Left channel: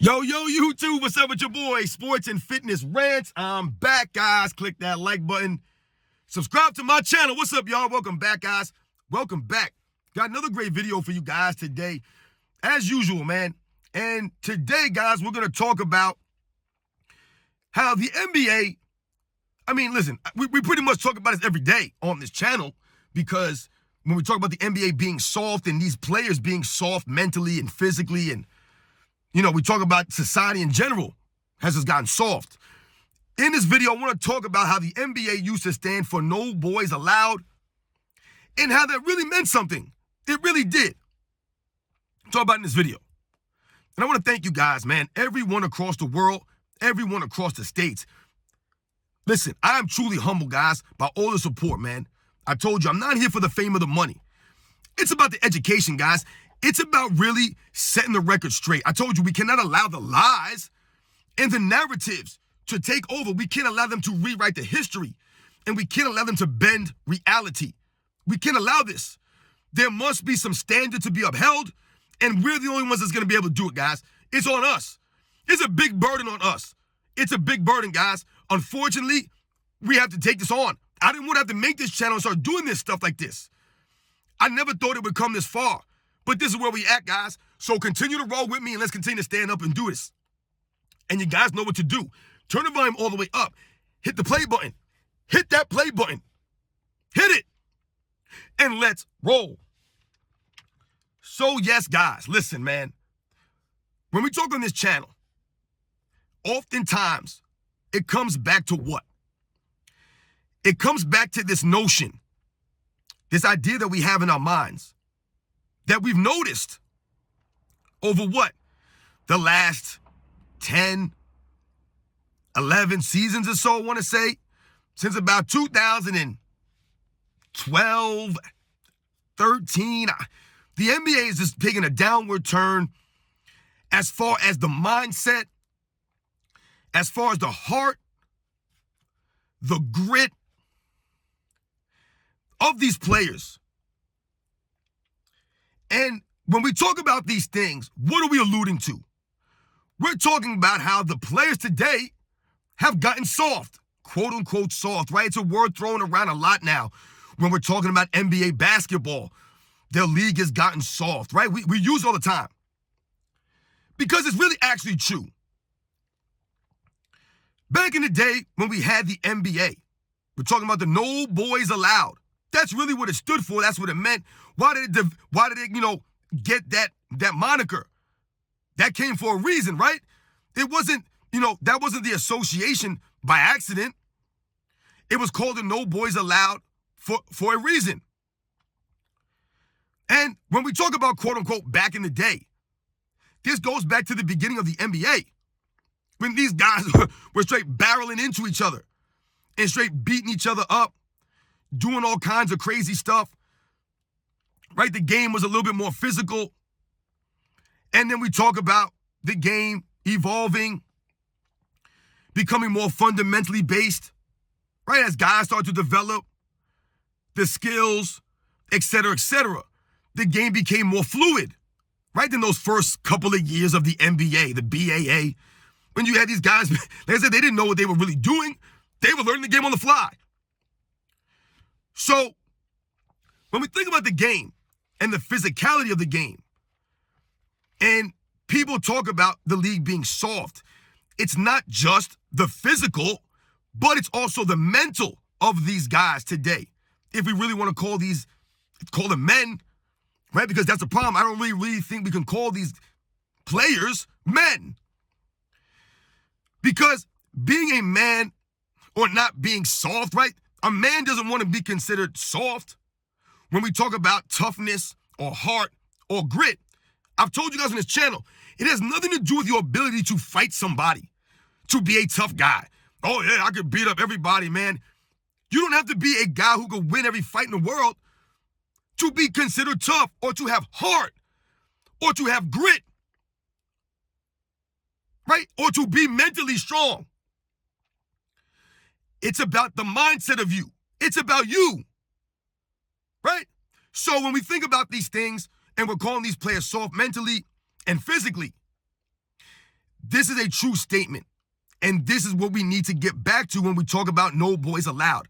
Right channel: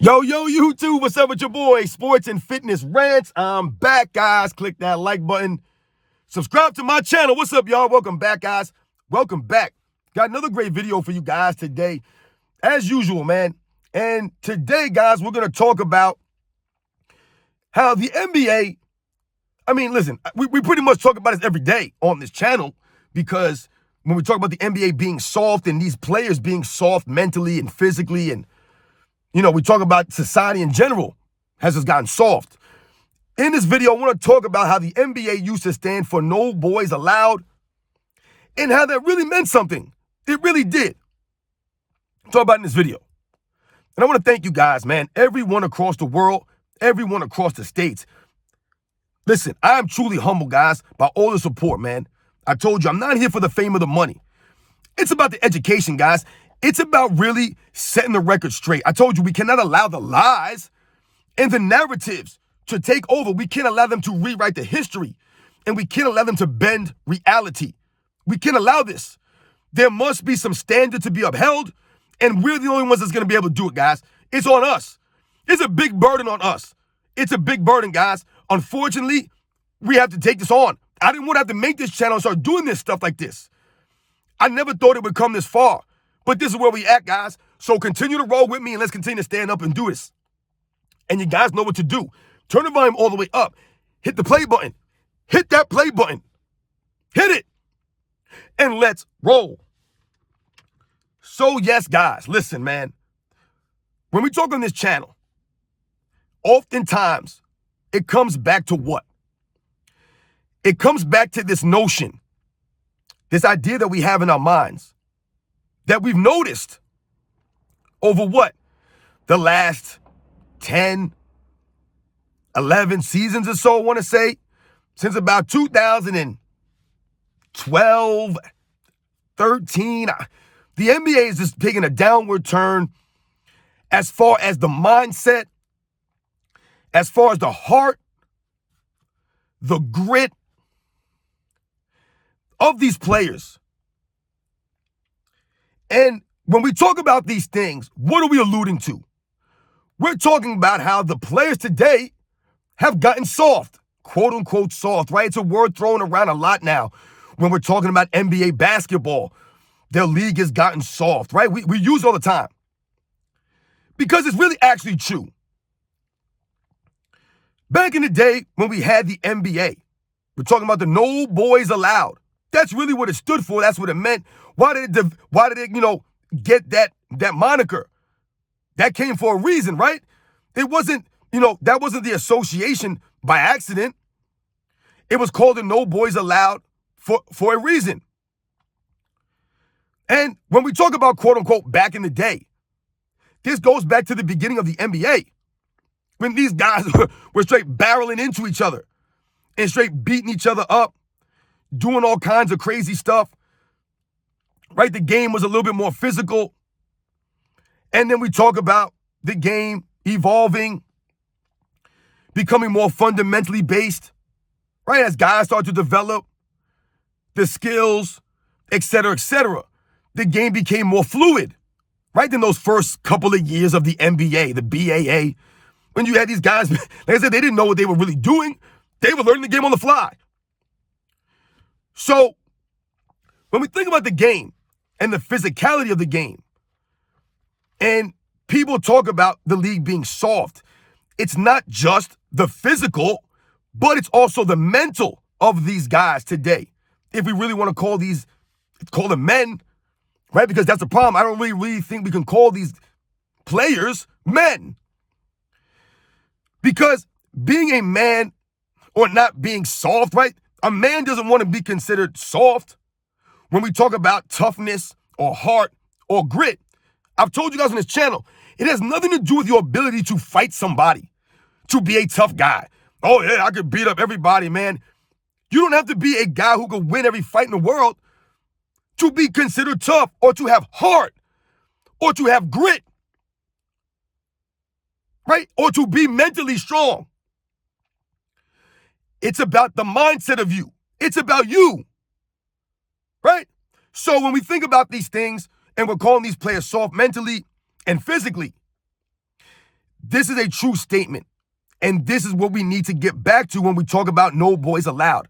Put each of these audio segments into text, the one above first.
Yo, YouTube, what's up with your boy? Sports and Fitness Rants. I'm back, guys. Click that like button. Subscribe to my channel. What's up, y'all? Welcome back, guys. Welcome back. Got another great video for you guys today, as usual, man. And today, guys, we're going to talk about how the NBA, listen, we pretty much talk about this every day on this channel because when we talk about the NBA being soft and these players being soft mentally and physically and we talk about society in general has just gotten soft. In this video, I want to talk about how the NBA used to stand for no boys allowed and how that really meant something. It really did. Talk about in this video. And I want to thank you guys, man. Everyone across the world, everyone across the states. Listen, I am truly humbled, guys, by all the support, man. I told you, I'm not here for the fame or the money. It's about the education, guys. It's about really setting the record straight. I told you we cannot allow the lies and the narratives to take over. We can't allow them to rewrite the history, and we can't allow them to bend reality. We can't allow this. There must be some standard to be upheld, and we're the only ones that's going to be able to do it, guys. It's on us. It's a big burden on us. It's a big burden, guys. Unfortunately, we have to take this on. I didn't want to have to make this channel and start doing this stuff like this. I never thought it would come this far. But this is where we at, guys. So continue to roll with me and let's continue to stand up and do this. And you guys know what to do. Turn the volume all the way up. Hit the play button. Hit that play button. Hit it. And let's roll. So yes, guys, listen, man. When we talk on this channel, oftentimes it comes back to what? It comes back to this notion, this idea that we have in our minds, that we've noticed over what? The last 10, 11 seasons or so, I want to say, since about 2012, 13. The NBA is just taking a downward turn as far as the mindset, as far as the heart, the grit of these players. And when we talk about these things, what are we alluding to? We're talking about how the players today have gotten soft, quote unquote soft, right? It's a word thrown around a lot now when we're talking about NBA basketball. Their league has gotten soft, right? We use it all the time because it's really actually true. Back in the day when we had the NBA, we're talking about the no boys allowed. That's really what it stood for. That's what it meant. Why did it get that moniker? That came for a reason, right? It wasn't, that wasn't the association by accident. It was called the No Boys Allowed for a reason. And when we talk about quote unquote back in the day, this goes back to the beginning of the NBA when these guys were straight barreling into each other and straight beating each other up, doing all kinds of crazy stuff, right? The game was a little bit more physical. And then we talk about the game evolving, becoming more fundamentally based, right? As guys start to develop the skills, et cetera, the game became more fluid, right? In those first couple of years of the NBA, the BAA, when you had these guys, like I said, they didn't know what they were really doing. They were learning the game on the fly. So when we think about the game and the physicality of the game, and people talk about the league being soft, it's not just the physical, but it's also the mental of these guys today. If we really want to call them men, right? Because that's the problem. I don't really think we can call these players men. Because being a man or not being soft, right? A man doesn't want to be considered soft. When we talk about toughness or heart or grit, I've told you guys on this channel, it has nothing to do with your ability to fight somebody, to be a tough guy. Oh yeah, I could beat up everybody, man. You don't have to be a guy who can win every fight in the world to be considered tough or to have heart or to have grit, right? Or to be mentally strong. It's about the mindset of you. It's about you, right? So when we think about these things and we're calling these players soft mentally and physically, This is a true statement. And this is what we need to get back to when we talk about no boys allowed.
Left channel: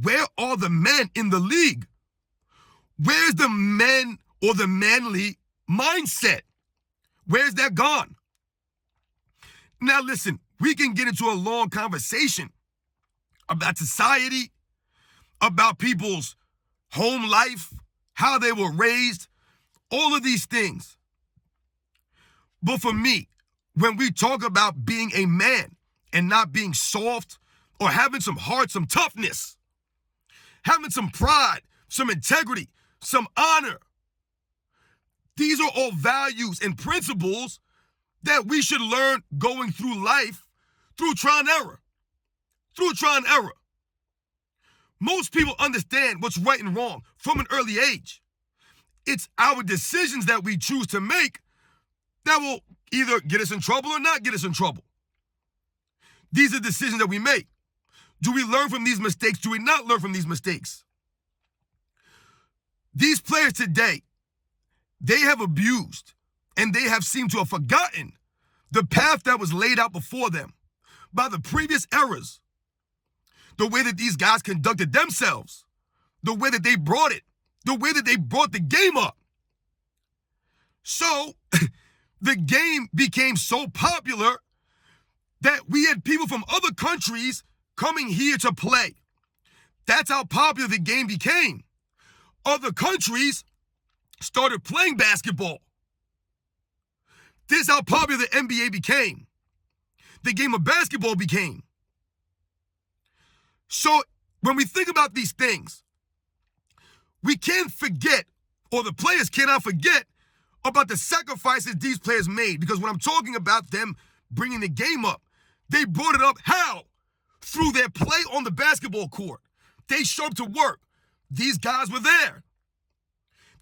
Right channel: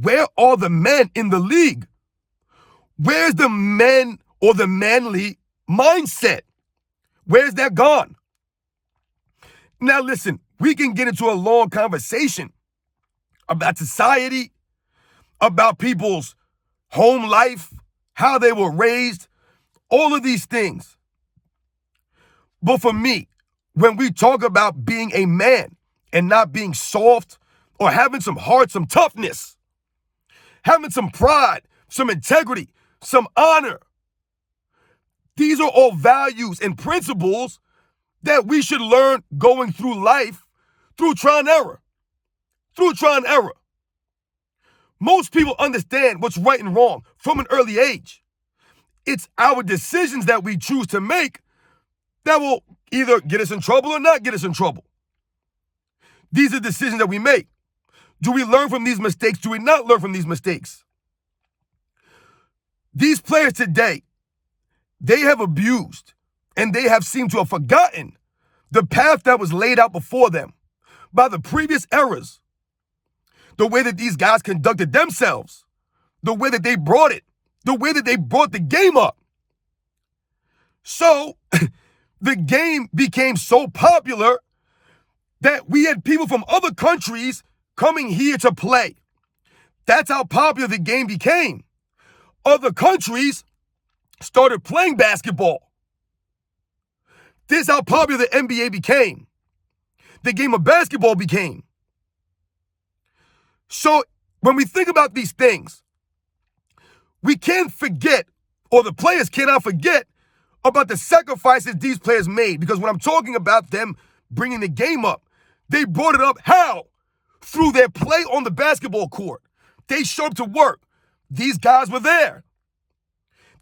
Where are the men in the league? Where's the men or the manly mindset? Where's that gone? Now listen, we can get into a long conversation about society, about people's home life, how they were raised, all of these things. But for me, when we talk about being a man and not being soft or having some heart, some toughness, having some pride, some integrity, some honor, these are all values and principles that we should learn going through life through trial and error. Through trial and error. Most people understand what's right and wrong from an early age. It's our decisions that we choose to make that will either get us in trouble or not get us in trouble. These are decisions that we make. Do we learn from these mistakes? Do we not learn from these mistakes? These players today, they have abused and they have seemed to have forgotten the path that was laid out before them by the previous eras. The way that these guys conducted themselves, the way that they brought it, the way that they brought the game up. So the game became so popular that we had people from other countries coming here to play. That's how popular the game became. Other countries started playing basketball. This is how popular the NBA became. The game of basketball became. So when we think about these things, we can't forget, or the players cannot forget, about the sacrifices these players made. Because when I'm talking about them bringing the game up, they brought it up how? Through their play on the basketball court. They showed up to work. These guys were there.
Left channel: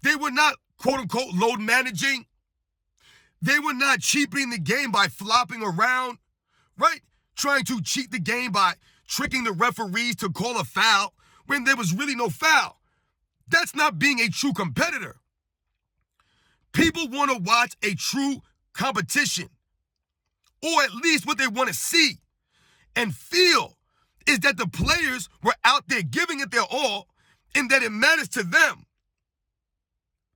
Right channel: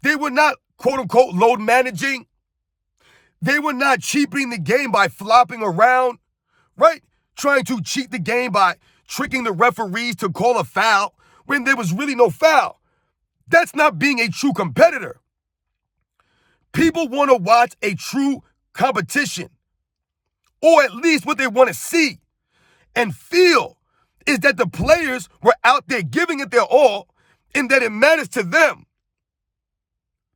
They were not, quote unquote, load managing. They were not cheapening the game by flopping around, right? Trying to cheat the game by tricking the referees to call a foul when there was really no foul. That's not being a true competitor. People want to watch a true competition, or at least what they want to see and feel is that the players were out there giving it their all and that it matters to them.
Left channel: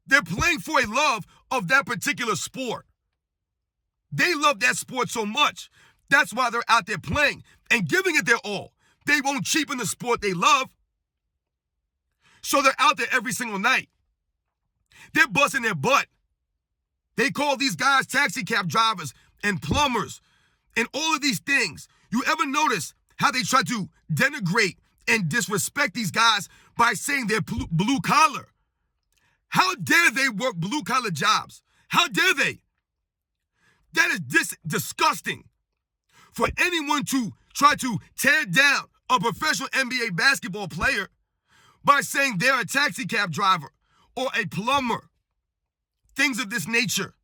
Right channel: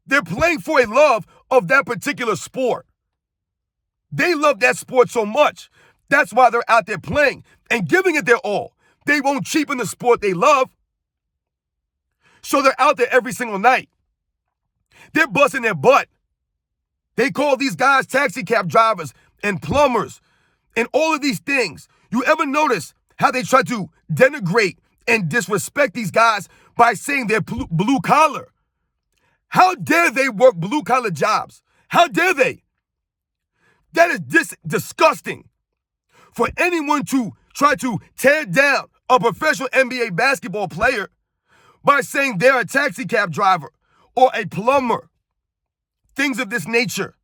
They're playing for a love of that particular sport. They love that sport so much. That's why they're out there playing and giving it their all. They won't cheapen the sport they love. So they're out there every single night. They're busting their butt. They call these guys taxi cab drivers and plumbers and all of these things. You ever notice how they try to denigrate and disrespect these guys by saying they're blue collar? How dare they work blue collar jobs? How dare they? That is disgusting. For anyone to try to tear down a professional NBA basketball player by saying they're a taxi cab driver or a plumber, things of this nature.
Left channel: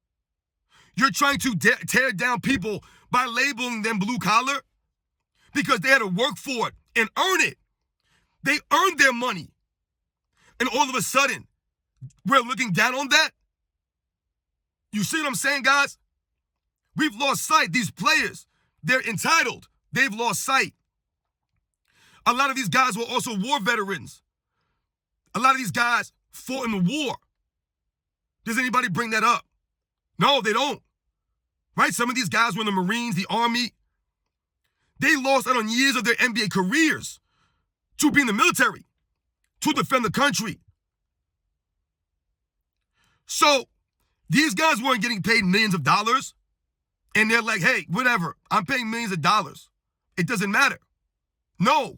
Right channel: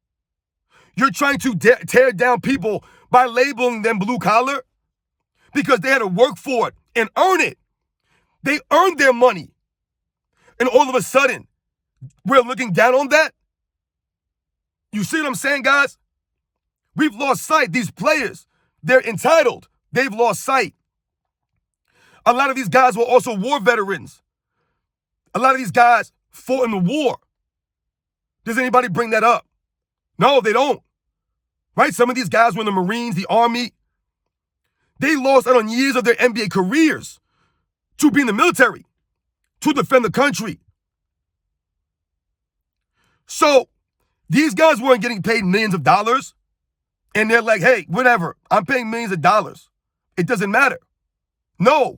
You're trying to tear down people by labeling them blue collar because they had to work for it and earn it. They earned their money. And all of a sudden, we're looking down on that? You see what I'm saying, guys? We've lost sight. These players, they're entitled. They've lost sight. A lot of these guys were also war veterans. A lot of these guys fought in the war. Does anybody bring that up? No, they don't. Right? Some of these guys were in the Marines, the Army. They lost out on years of their NBA careers to be in the military, to defend the country. So these guys weren't getting paid millions of dollars. And they're like, hey, whatever, I'm paying millions of dollars. It doesn't matter. No,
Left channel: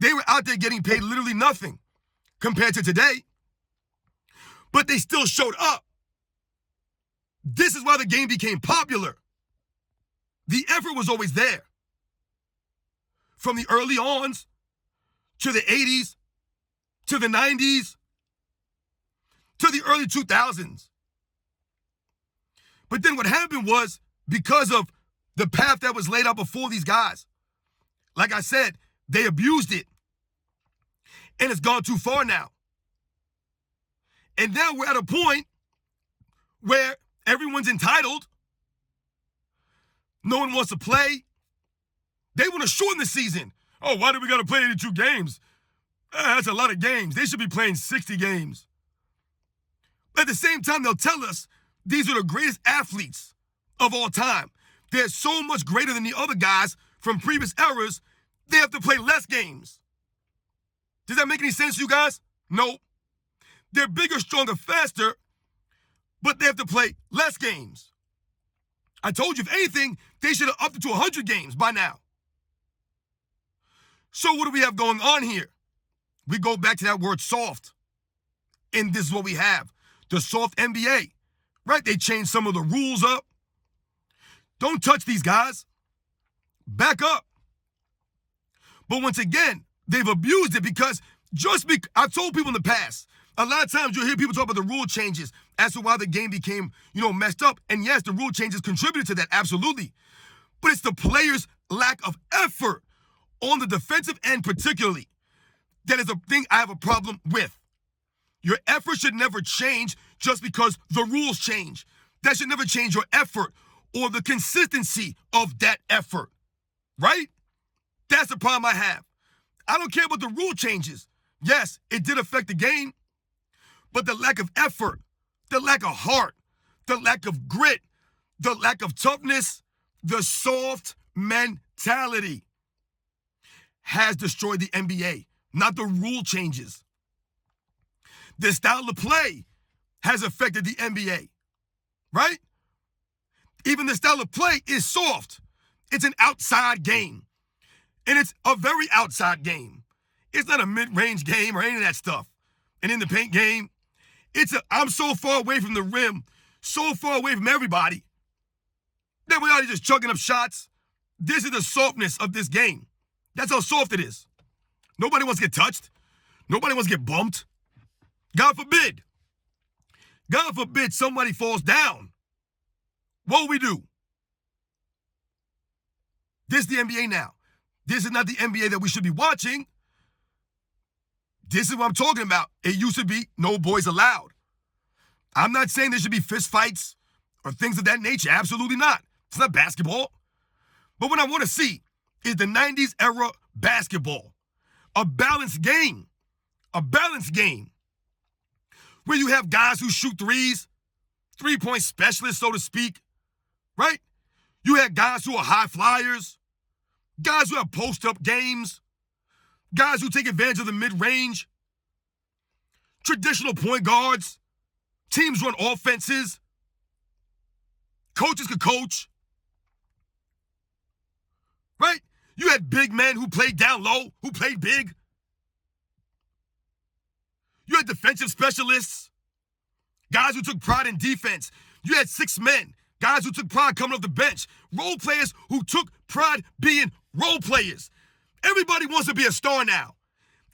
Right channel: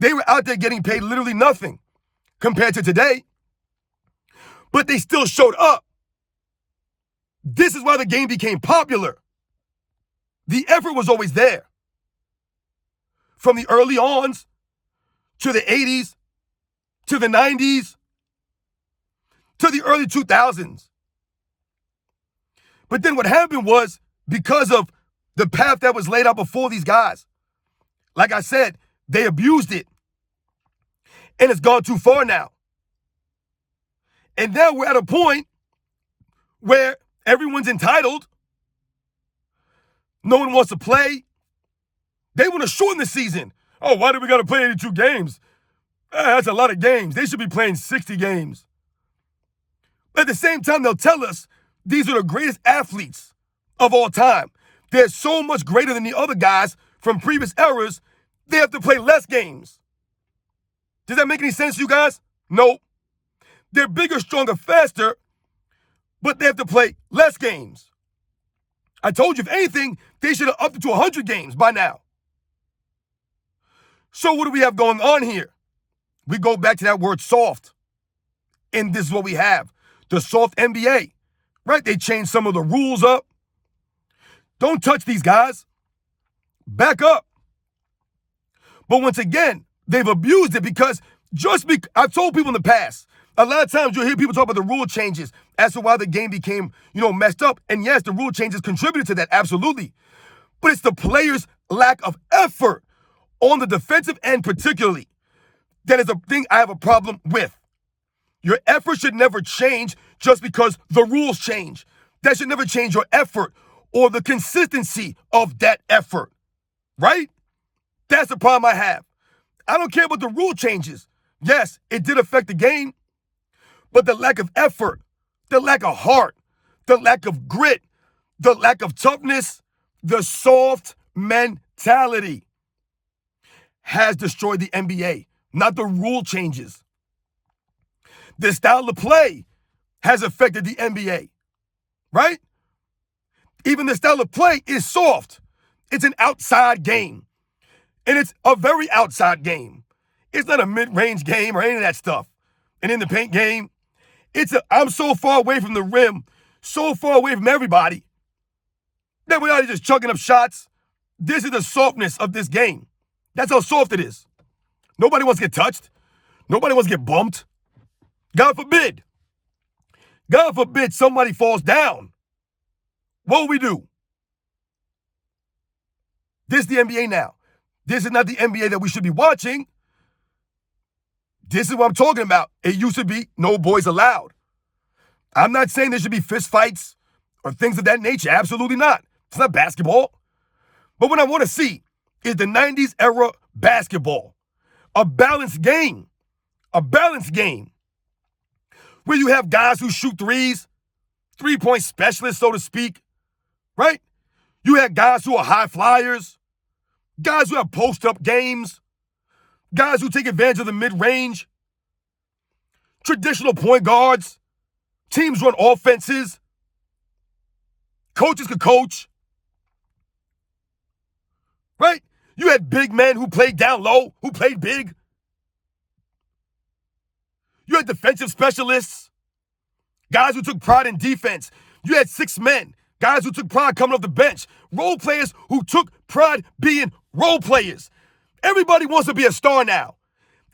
they were out there getting paid literally nothing compared to today. But they still showed up. This is why the game became popular. The effort was always there. From the early ons to the 80s, to the 90s, to the early 2000s. But then what happened was, because of the path that was laid out before these guys, like I said, they abused it. And it's gone too far now. And now we're at a point where everyone's entitled. No one wants to play. They want to shorten the season. Oh, why do we got to play 82 games? That's a lot of games. They should be playing 60 games. At the same time, they'll tell us these are the greatest athletes of all time. They're so much greater than the other guys from previous eras, they have to play less games. Does that make any sense to you guys? No. They're bigger, stronger, faster, but they have to play less games. I told you, if anything, they should have upped it to 100 games by now. So what do we have going on here? We go back to that word soft. And this is what we have. The soft NBA, right? They changed some of the rules up. Don't touch these guys. Back up. But once again, they've abused it because I've told people in the past, a lot of times you'll hear people talk about the rule changes as to why the game became, messed up. And yes, the rule changes contributed to that, absolutely. But it's the players' lack of effort on the defensive end particularly. That is a thing I have a problem with. Your effort should never change just because the rules change. That should never change your effort or the consistency of that effort, right? That's the problem I have. I don't care about the rule changes. Yes, it did affect the game, but the lack of effort, the lack of heart, the lack of grit, the lack of toughness, the soft mentality has destroyed the NBA, not the rule changes. The style of play has affected the NBA, right? Even the style of play is soft. It's an outside game. And it's a very outside game. It's not a mid-range game or any of that stuff. An in the paint game. I'm so far away from the rim, so far away from everybody, that we're not just chucking up shots. This is the softness of this game. That's how soft it is. Nobody wants to get touched. Nobody wants to get bumped. God forbid. God forbid somebody falls down. What will we do? This is the NBA now. This is not the NBA that we should be watching. This is what I'm talking about. It used to be no boys allowed. I'm not saying there should be fist fights or things of that nature. Absolutely not. It's not basketball. But what I want to see is the 90s era basketball. A balanced game. A balanced game. Where you have guys who shoot threes, three-point specialists, so to speak, right? You have guys who are high flyers, guys who have post-up games, guys who take advantage of the mid-range, traditional point guards, teams run offenses, coaches could coach, right? You had big men who played down low, who played big. You had defensive specialists, guys who took pride in defense. You had 6 men, guys who took pride coming off the bench, role players who took pride being role players. Everybody wants to be a star now.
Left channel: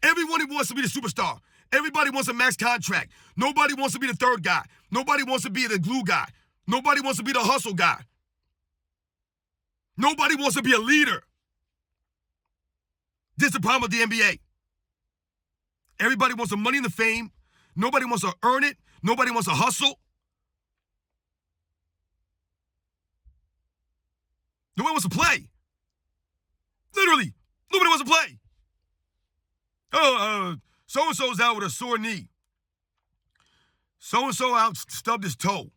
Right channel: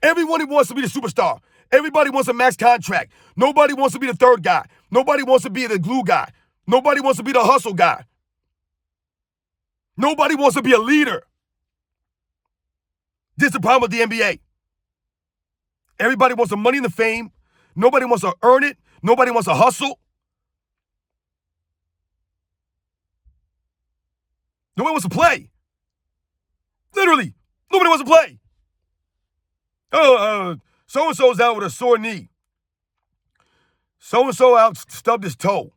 Everybody wants to be the superstar. Everybody wants a max contract. Nobody wants to be the third guy. Nobody wants to be the glue guy. Nobody wants to be the hustle guy. Nobody wants to be a leader. This is the problem with the NBA. Everybody wants the money and the fame. Nobody wants to earn it. Nobody wants to hustle. Nobody wants to play. Literally, nobody wants to play. So-and-so's out with a sore knee. So-and-so out stubbed his toe.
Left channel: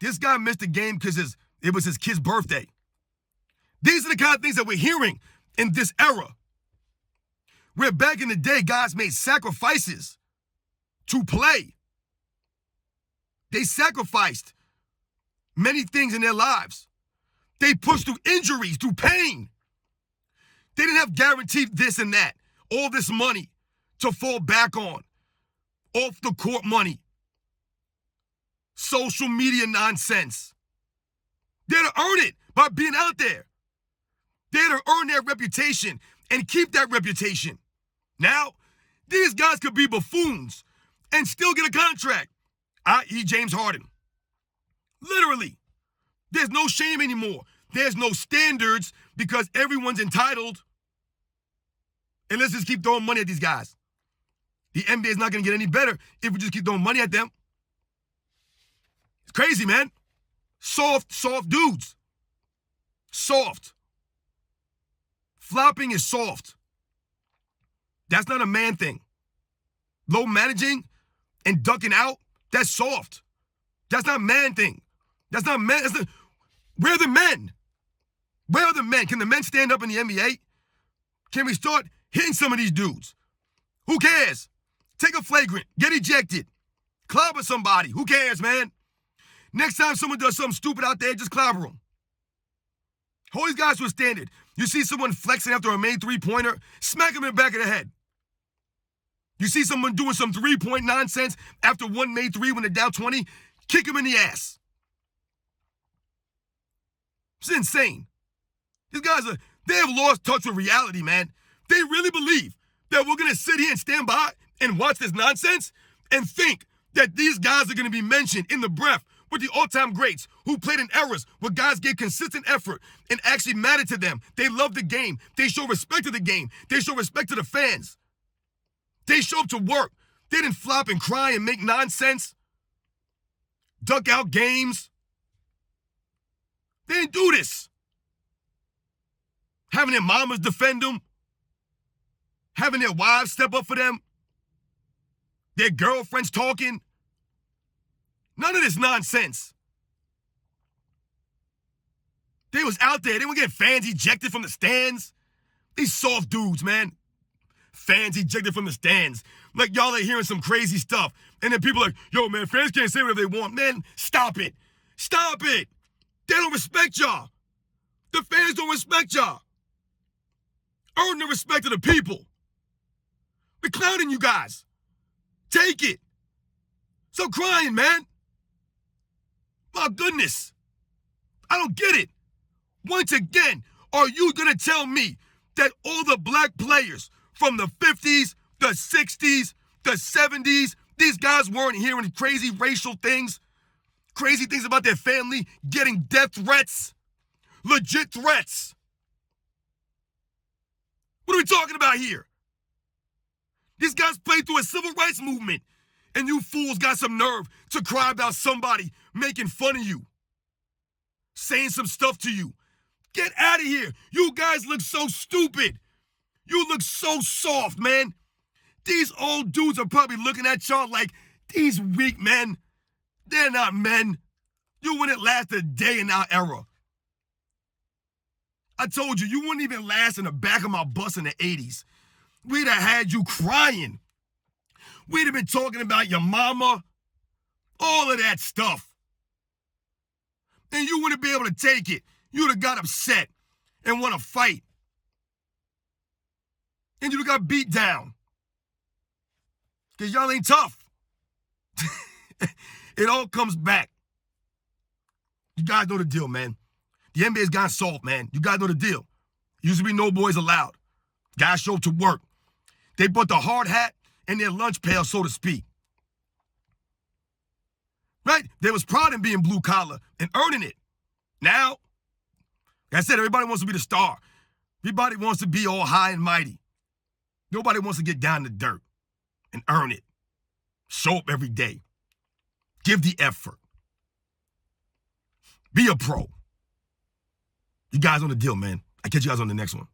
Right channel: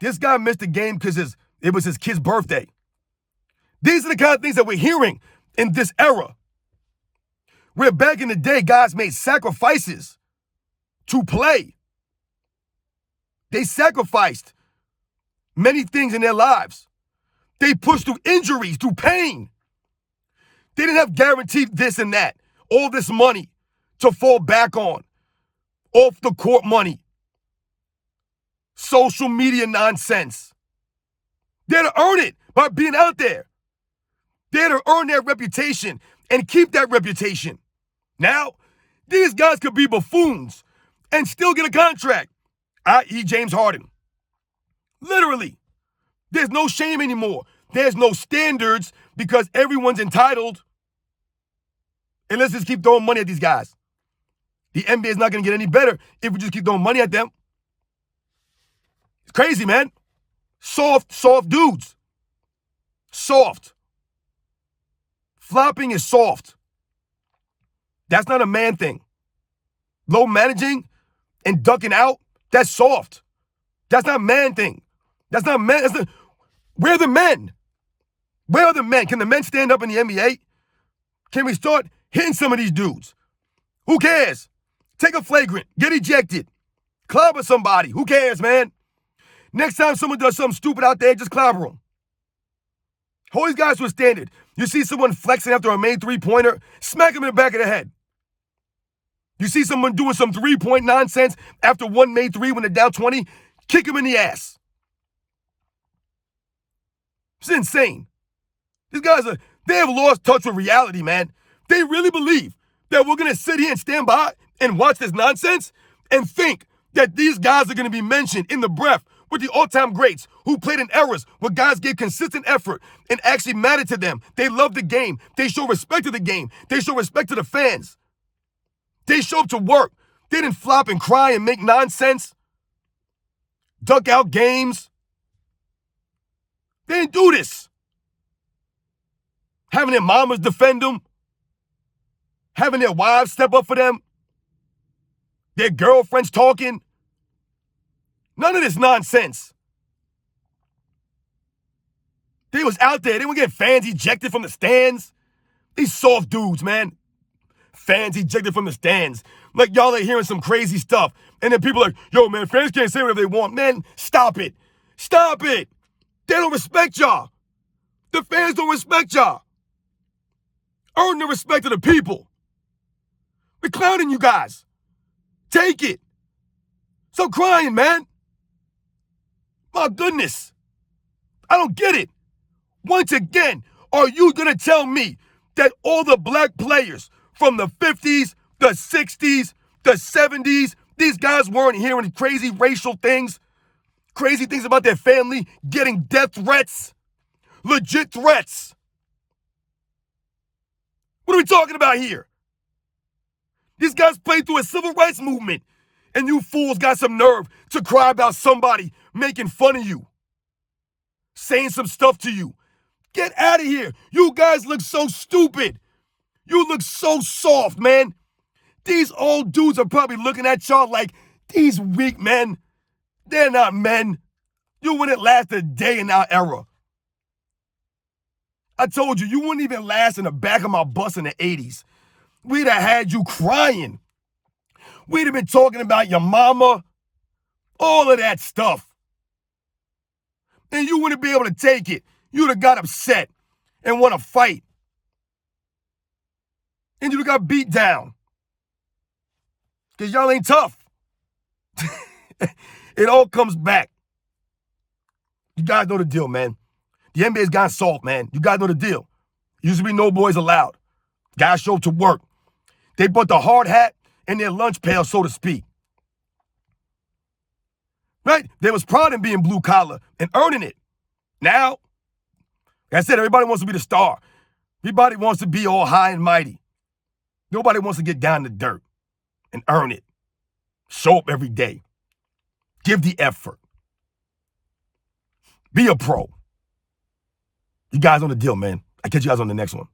This guy missed the game because it was his kid's birthday. These are the kind of things that we're hearing in this era. Where back in the day, guys made sacrifices to play. They sacrificed many things in their lives. They pushed through injuries, through pain. They didn't have guaranteed this and that, all this money to fall back on, off the court money, social media nonsense. They had to earn it by being out there. They had to earn their reputation and keep that reputation. Now, these guys could be buffoons and still get a contract, i.e. James Harden. Literally. There's no shame anymore. There's no standards because everyone's entitled. And let's just keep throwing money at these guys. The NBA is not going to get any better if we just keep throwing money at them. It's crazy, man. Soft dudes. Soft. Flopping is soft. That's not a man thing. Low managing and ducking out, that's soft. That's not a man thing. That's not man. Where are the men? Where are the men? Can the men stand up in the NBA? Can we start hitting some of these dudes? Who cares? Take a flagrant. Get ejected. Clobber somebody. Who cares, man? Next time someone does something stupid out there, just clobber them. Hold these guys to a standard. You see someone flexing after a made three-pointer, smack him in the back of the head. You see someone doing some three-point nonsense after one made three when they're down 20, kick him in the ass. It's insane. These guys they have lost touch with reality, man. They really believe that we're going to sit here and stand by and watch this nonsense and think that these guys are going to be mentioned in the breath with the all-time greats who played in eras where guys gave consistent effort and actually mattered to them. They love the game. They show respect to the game. They show respect to the fans. They show up to work. They didn't flop and cry and make nonsense. Duck out games. They didn't do this. Having their mamas defend them. Having their wives step up for them. Their girlfriends talking. None of this nonsense. They was out there. They would get fans ejected from the stands. These soft dudes, man. Fans ejected from the stands. Like y'all are hearing some crazy stuff. And then people are like, yo, man, fans can't say whatever they want. Man, stop it. Stop it. They don't respect y'all. The fans don't respect y'all. Earn the respect of the people. We're clowning you guys. Take it. Stop crying, man. My goodness. I don't get it. Once again, are you going to tell me that all the black players from the 50s, the 60s, the 70s, these guys weren't hearing crazy racial things, crazy things about their family, getting death threats, legit threats? What are we talking about here? These guys played through a civil rights movement, and you fools got some nerve to cry about somebody making fun of you, saying some stuff to you. Get out of here. You guys look so stupid. You look so soft, man. These old dudes are probably looking at y'all like, these weak men, they're not men. You wouldn't last a day in our era. I told you, you wouldn't even last in the back of my bus in the 80s. We'd have had you crying. We'd have been talking about your mama, all of that stuff. And you wouldn't be able to take it. You'd have got upset and want to fight. And you'd have got beat down. Because y'all ain't tough. It all comes back. You guys know the deal, man. The NBA's gone soft, man. You guys know the deal. Used to be no boys allowed. Guys show up to work. They put the hard hat in their lunch pail, so to speak. Right? There was pride in being blue collar and earning it. Now, like I said, everybody wants to be the star. Everybody wants to be all high and mighty. Nobody wants to get down to dirt and earn it. Show up every day. Give the effort. Be a pro. You guys on the deal, man. I'll catch you guys on the next one.